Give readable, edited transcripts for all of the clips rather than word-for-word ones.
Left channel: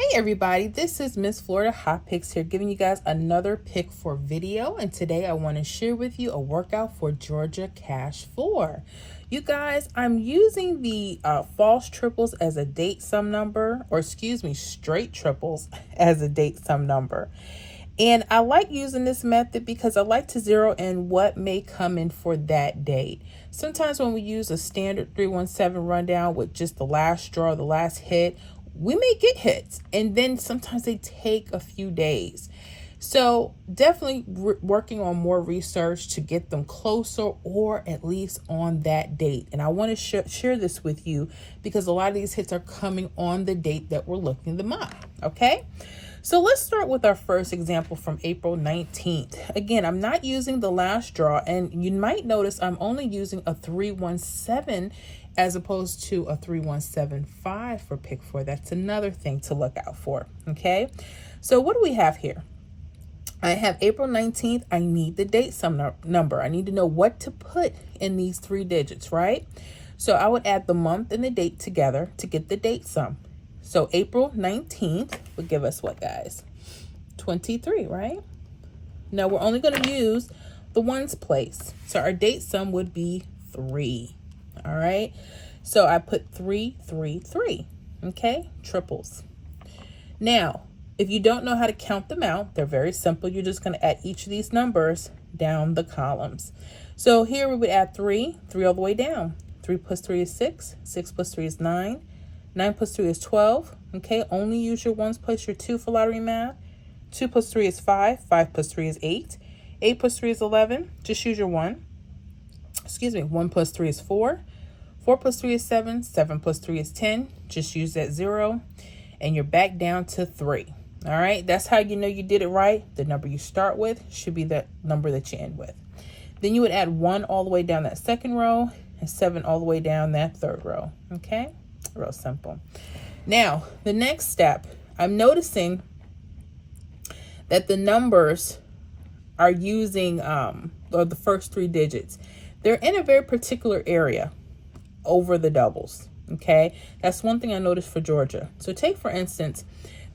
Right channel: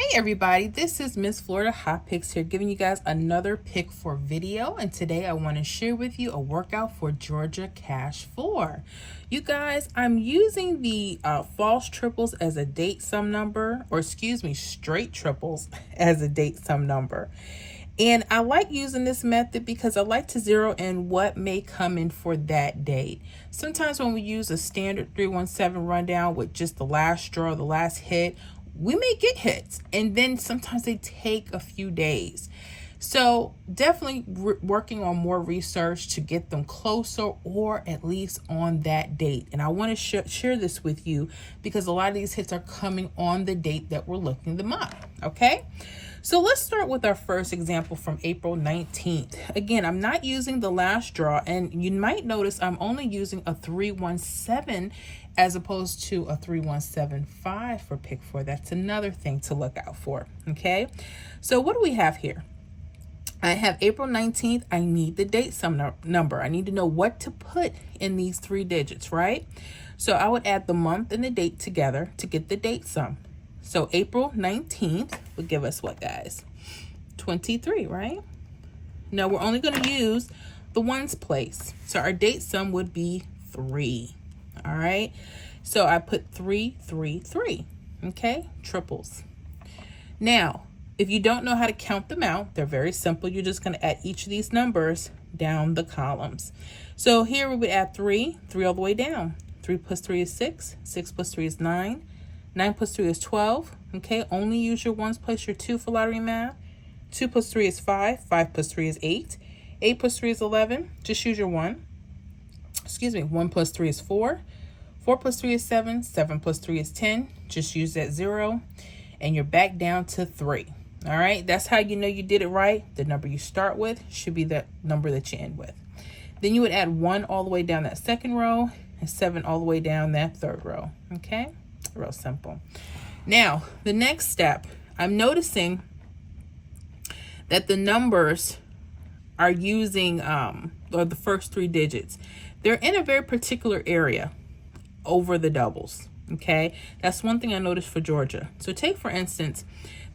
Hey everybody, this is Miss Florida Hot Picks here, giving you guys another pick for video. And today I want to share with you a workout for Georgia Cash 4. You guys, I'm using the false triples as a date sum number, or excuse me, straight triples as a date sum number. And I like using this method because I like to zero in what may come in for that date. Sometimes when we use a standard 317 rundown with just the last draw, the last hit, we may get hits, and then sometimes they take a few days. So definitely working on more research to get them closer or at least on that date. And I want to share this with you because a lot of these hits are coming on the date that we're looking them up. Okay. So let's start with our first example from April 19th. Again, I'm not using the last draw, and you might notice I'm only using a 317 as opposed to a 3175 for pick 4. That's another thing to look out for. Okay. So what do we have here? I have April 19th. I need the date sum number. I need to know what to put in these 3 digits, right? So I would add the month and the date together to get the date sum. So April 19th would give us what, guys? 23, right? Now we're only going to use the ones place. So our date sum would be 3. All right. So I put 3, 3, 3. Okay. Triples. Now, if you don't know how to count them out, they're very simple. You're just going to add each of these numbers down the columns. So here we would add 3 all the way down. 3 plus 3 is 6. 6 plus 3 is 9. 9 plus 3 is 12. Okay, only use your ones place your 2 for lottery math. 2 plus 3 is 5. 5 plus 3 is 8. 8 plus 3 is 11. Just use your 1. Excuse me, 1 plus 3 is 4. 4 plus 3 is 7. 7 plus 3 is 10. Just use that 0. And you're back down to 3. All right, that's how you know you did it right. The number you start with should be the number that you end with. Then you would add 1 all the way down that second row and 7 all the way down that third row. Okay, real simple. Now, the next step, I'm noticing that the numbers are using, or the first 3 digits, they're in a very particular area over the doubles. Okay, that's one thing I noticed for Georgia. So take, for instance,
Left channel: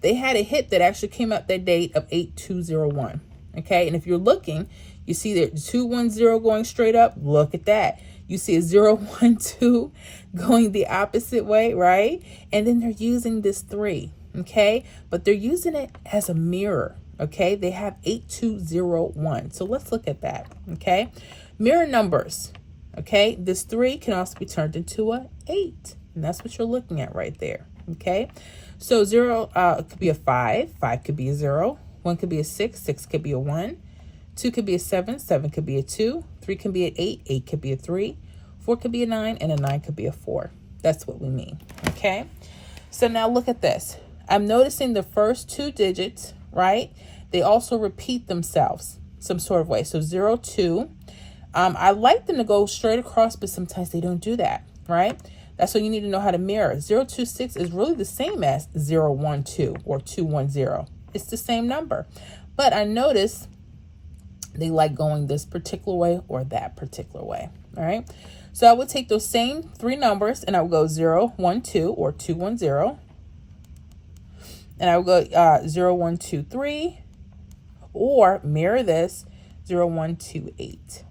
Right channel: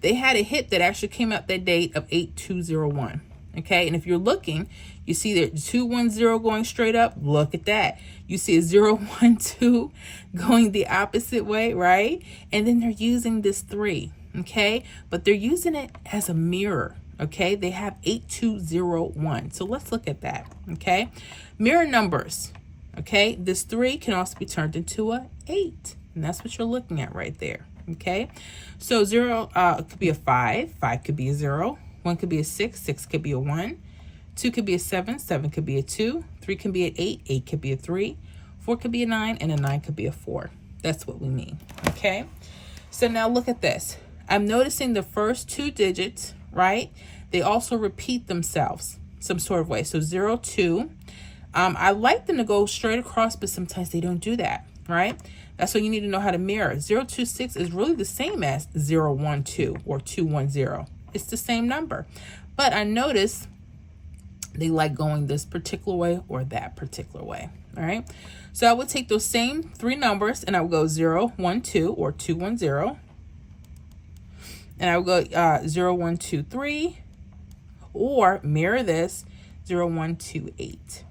they had a hit that actually came out that date of 8201. Okay, and if you're looking, you see that 210 going straight up. Look at that. You see a 012 going the opposite way, right? And then they're using this 3. Okay, but they're using it as a mirror. Okay, they have 8201. So let's look at that. Okay, mirror numbers. Okay, this 3 can also be turned into a 8, and that's what you're looking at right there. Okay, so 0 could be a 5, 5 could be a 0, 1 could be a 6, 6 could be a 1, 2 could be a 7, 7 could be a 2, 3 can be an 8, 8 could be a 3, 4 could be a 9, and a 9 could be a 4. That's what we mean. Okay, so now look at this. I'm noticing the first 2 digits, right? They also repeat themselves some sort of way. So 0, 2. I like them to go straight across, but sometimes they don't do that, right? That's what you need to know how to mirror. 026 is really the same as 012 or 210. It's the same number. But I notice they like going this particular way or that particular way, all right? So I would take those same 3 numbers and I would go 012 or 210. And I would go 0123 or mirror this 0128.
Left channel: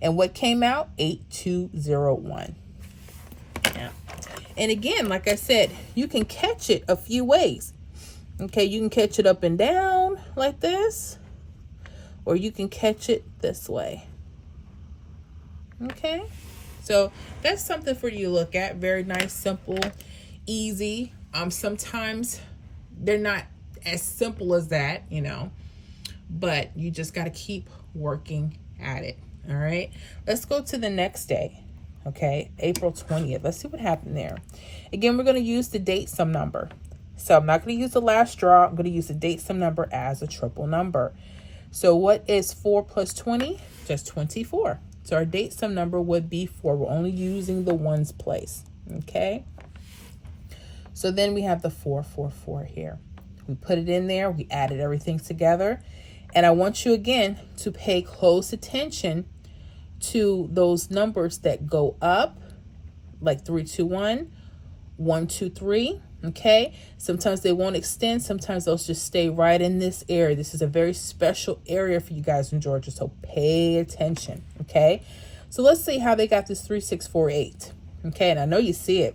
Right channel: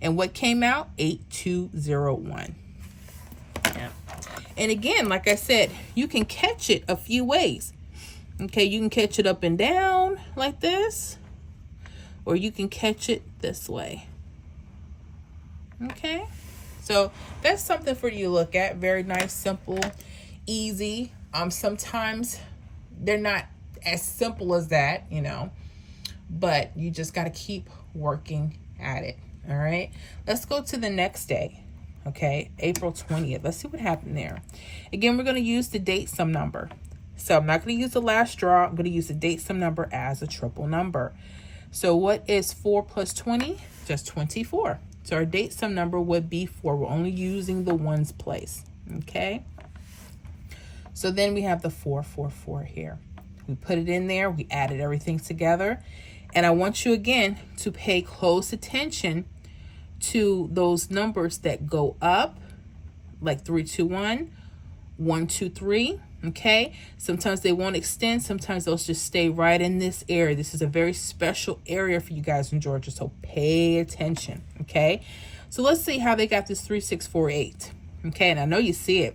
And what came out? 8201. Yeah. And again, like I said, you can catch it a few ways. Okay, you can catch it up and down like this, or you can catch it this way. Okay, so that's something for you to look at. Very nice, simple, easy. Sometimes they're not as simple as that, you know, but you just got to keep working at it. All right, let's go to the next day. Okay, April 20th. Let's see what happened there. Again, we're going to use the date sum number. So I'm not going to use the last draw. I'm going to use the date sum number as a triple number. So what is 4 plus 20? Just 24. So our date sum number would be 4. We're only using the ones place. Okay, so then we have the 444 here. We put it in there. We added everything together. And I want you again to pay close attention to those numbers that go up, like 321, 123, Okay, sometimes they won't extend, sometimes they'll just stay right in this area. This is a very special area for you guys in Georgia, so pay attention. Okay, so let's see how they got this 3648. Okay, and I know you see it.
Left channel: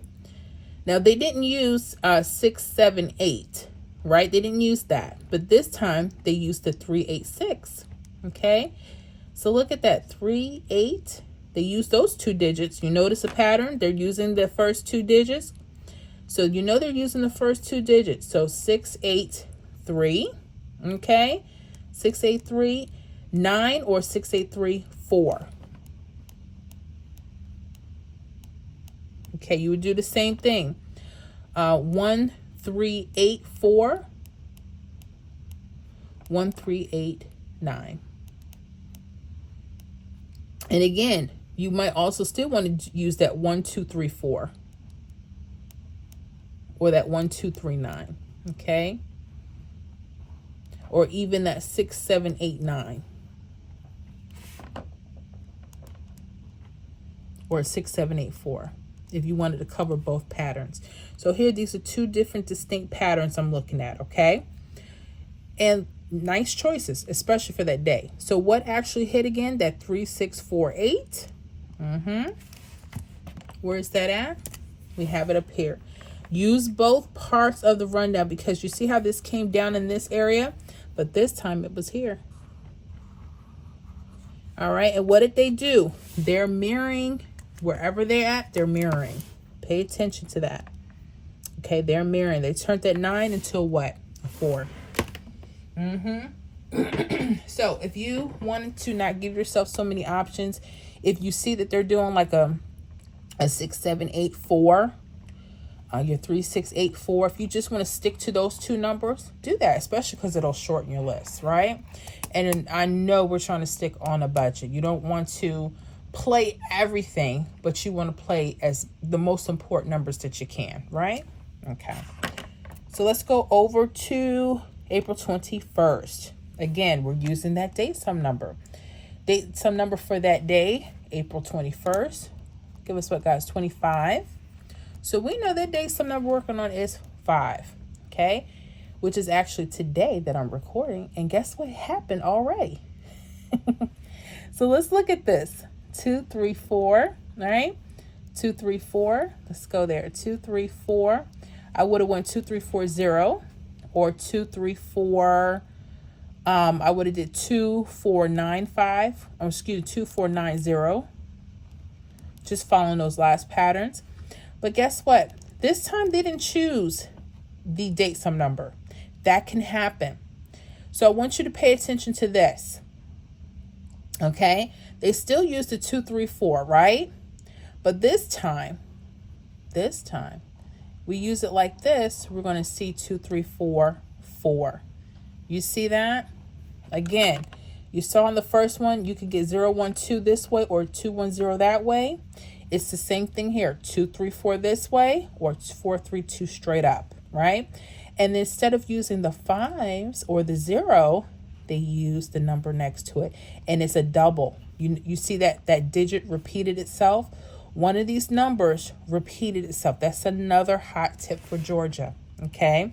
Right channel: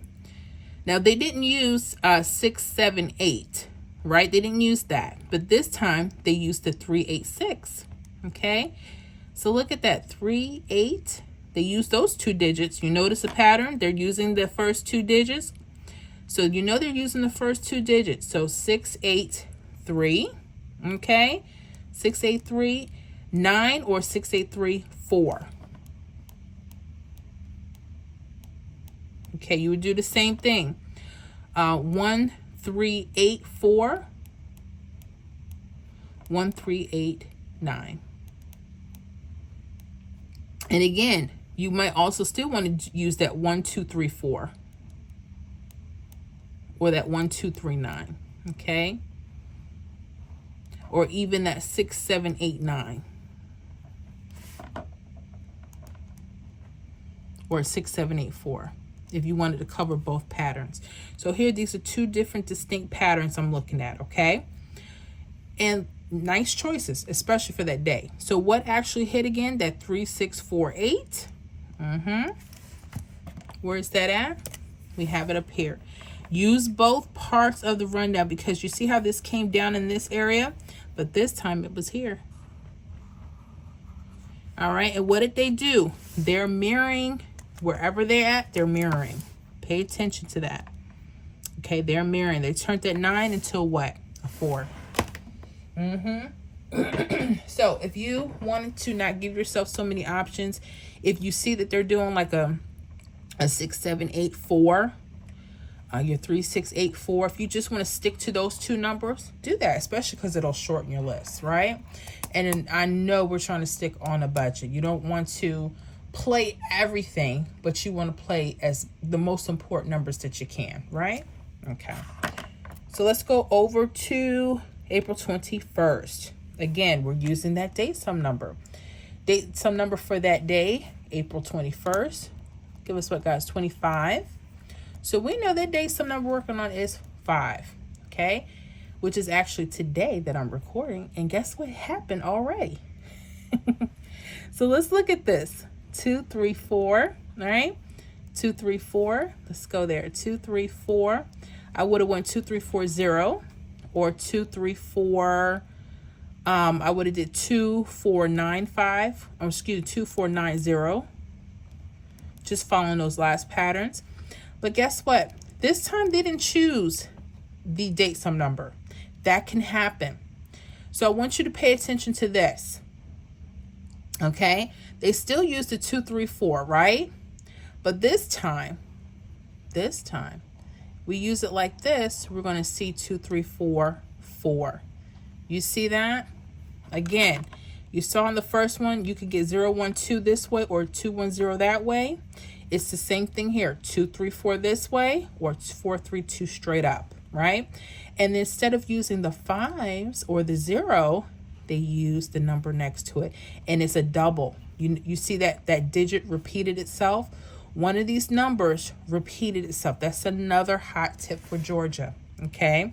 Now they didn't use 678, right? They didn't use that, but this time they used the 386. Okay, so look at that, 38. They used those two digits. You notice a pattern? They're using the first two digits. So you know they're using the first two digits. So 683, okay? 683, 9 or 683, 4. Okay, you would do the same thing. 1384, 1389. And again, you might also still want to use that 1234 or that 1239, okay? Or even that 6789 or 6784 if you wanted to cover both patterns. So here, these are two different distinct patterns I'm looking at, okay? And nice choices, especially for that day. So what actually hit again? That 3648. Where's that at? We have it up here. Use both parts of the rundown because you see how this came down in this area, but this time it was here. All right, and what did they do? They're mirroring wherever they're at, they're mirroring. Pay attention to that. Okay, they're mirroring. They turned that 9 into a what? A 4. So if you wanted to not give yourself so many options, if you see that they're doing like a 6784, your 3684, if you just want to stick to those two numbers, do that, especially because it'll shorten your list, right? And I know we're trying to stick on a budget. You don't want to play everything, but you want to play as the most important numbers that you can, right? Okay, so let's go over to April 21st. Again, we're using that date sum number. Date sum number for that day, April 21st. Give us what, guys? 25. So we know that date sum number we're working on is 5, okay? Which is actually today that I'm recording. And guess what happened already? So let's look at this. 2, 3, 4, all right? 2, 3, 4. Let's go there. 2, 3, 4. I would have went 2, 3, 4, 0 or 2, 3, 4. I would have did 2, 4, 9, 5. Or excuse me, 2, 4, 9, 0. Just following those last patterns. But guess what? This time they didn't choose the date sum number. That can happen. So I want you to pay attention to this. Okay? They still use the 2, 3, 4, right? But this time, we use it like this. We're going to see 2, 3, 4, 4. You see that? Again, you saw in the first one, you could get 0, 1, 2 this way or 2, 1, 0 that way. It's the same thing here. 2, 3, 4 this way or 4, 3, 2 straight up, right? And instead of using the 5s or the 0, they use the number next to it. And it's a double. You see that digit repeated itself? One of these numbers repeated itself. That's another hot tip for Georgia, okay?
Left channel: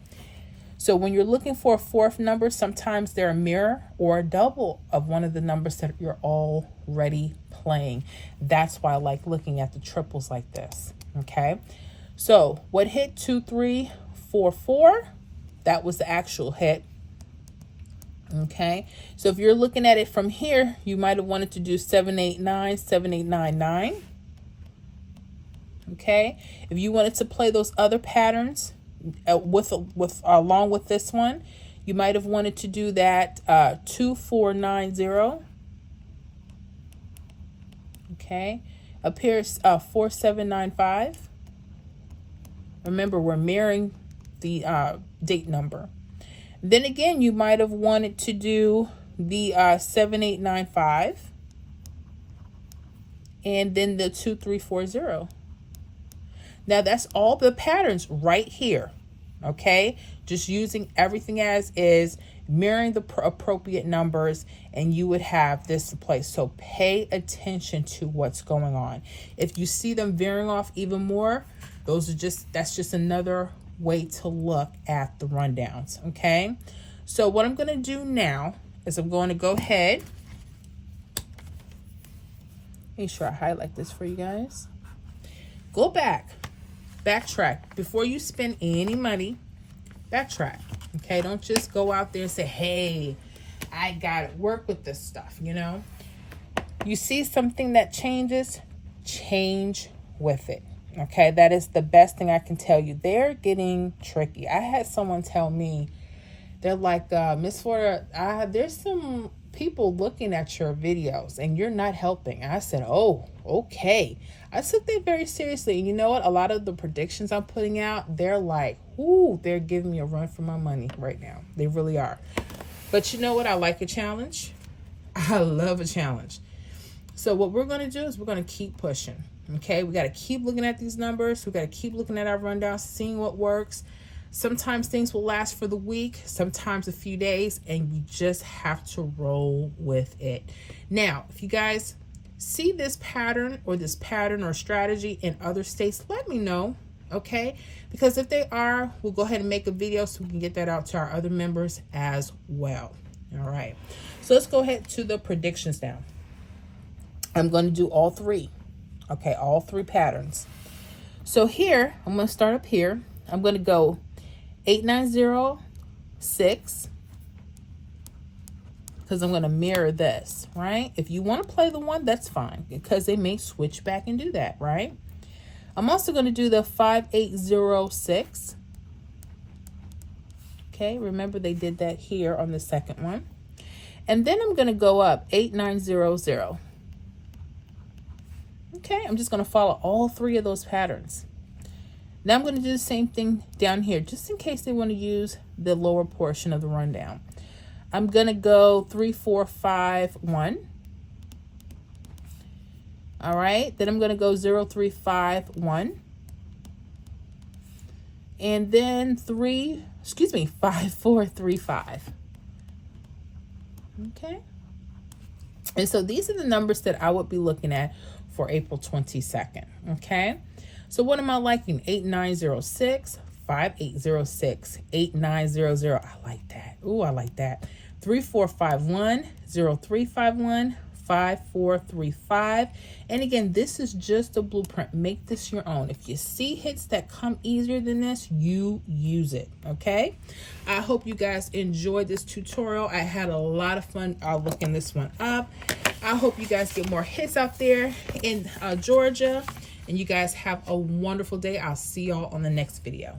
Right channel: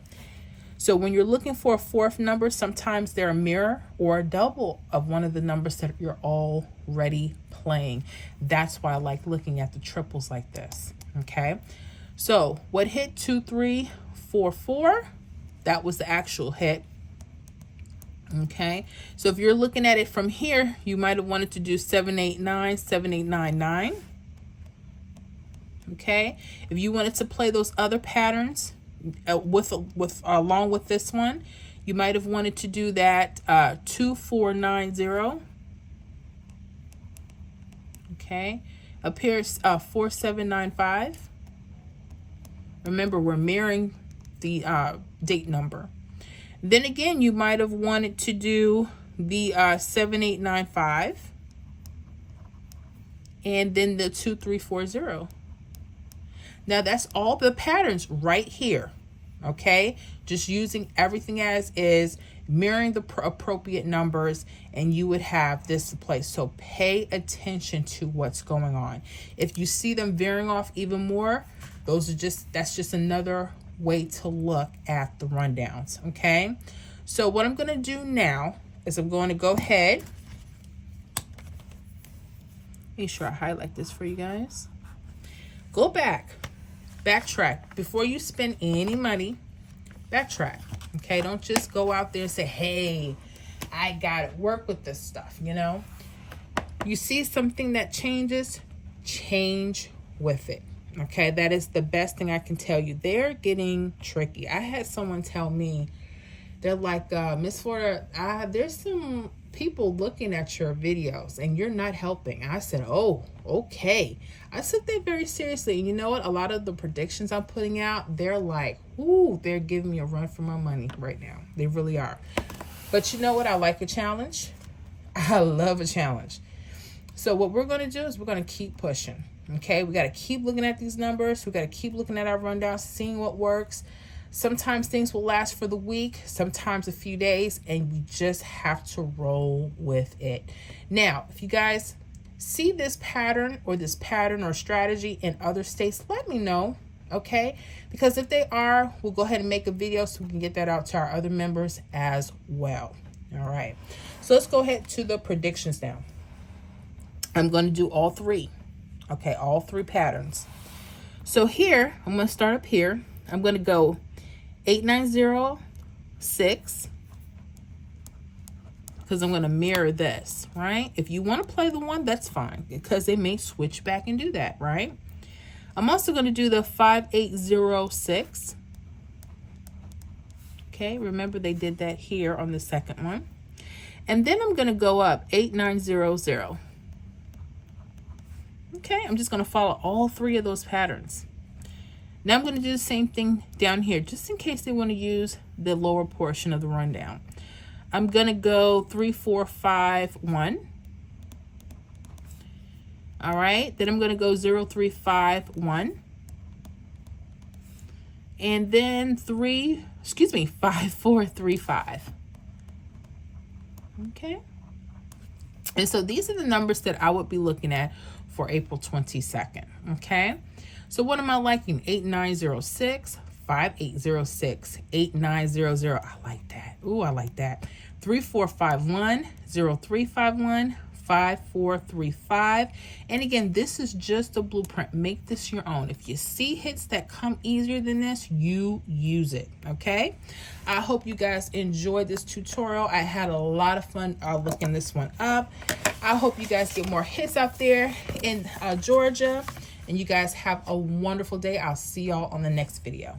So when you're looking for a fourth number, sometimes they're a mirror or a double of one of the numbers that you're already playing. That's why I like looking at the triples like this, okay? So what hit? 2, 3, 4, 4. That was the actual hit. Okay, so if you're looking at it from here, you might have wanted to do 789, 7899. Okay, if you wanted to play those other patterns along with this one, you might have wanted to do that 2490. Okay, up here is 4795. Remember, we're mirroring the date number. Then again, you might have wanted to do the 7895 and then the 2340. Now that's all the patterns right here, okay? Just using everything as is, mirroring the appropriate numbers, and you would have this to play. So pay attention to what's going on. If you see them veering off even more, that's just another way to look at the rundowns, okay? So what I'm gonna do now is I'm going to go ahead, make sure I highlight this for you guys. Go backtrack. Before you spend any money, backtrack, okay? Don't just go out there and say, hey, I got it. Work with this stuff, you know? You see something that changes, change with it, okay? That is the best thing I can tell you. They're getting tricky. I had someone tell me, they're like, Miss Florida, there's some people looking at your videos and you're not helping. I said, oh, okay. I took that very seriously. And you know what? A lot of the predictions I'm putting out, they're like, ooh, they're giving me a run for my money right now. They really are. But you know what? I like a challenge. I love a challenge. So what we're going to do is we're going to keep pushing. Okay, we got to keep looking at these numbers. We got to keep looking at our rundowns, seeing what works. Sometimes things will last for the week, sometimes a few days, and you just have to roll with it. Now, if you guys see this pattern or strategy in other states, let me know, okay? Because if they are, we'll go ahead and make a video so we can get that out to our other members as well. All right, so let's go ahead to the predictions now. I'm going to do all three, okay? All three patterns. So here, I'm going to start up here. I'm going to go 8906, because I'm going to mirror this, right? If you want to play the one, that's fine, because they may switch back and do that, right? I'm also going to do the 5806. Okay, remember they did that here on the second one. And then I'm going to go up 8900. Okay, I'm just going to follow all three of those patterns. Now I'm going to do the same thing down here, just in case they want to use the lower portion of the rundown. I'm going to go 3451. All right, then I'm going to go 0351. And then 5435. Okay. And so these are the numbers that I would be looking at for April 22nd. Okay. So what am I liking? 8906, 5806, 8900. I like that. Ooh, I like that. 3451, 0351, 5435. And again, this is just a blueprint. Make this your own. If you see hits that come easier than this, you use it. Okay. I hope you guys enjoyed this tutorial. I had a lot of fun looking this one up. I hope you guys get more hits out there in Georgia. And you guys have a wonderful day. I'll see y'all on the next video.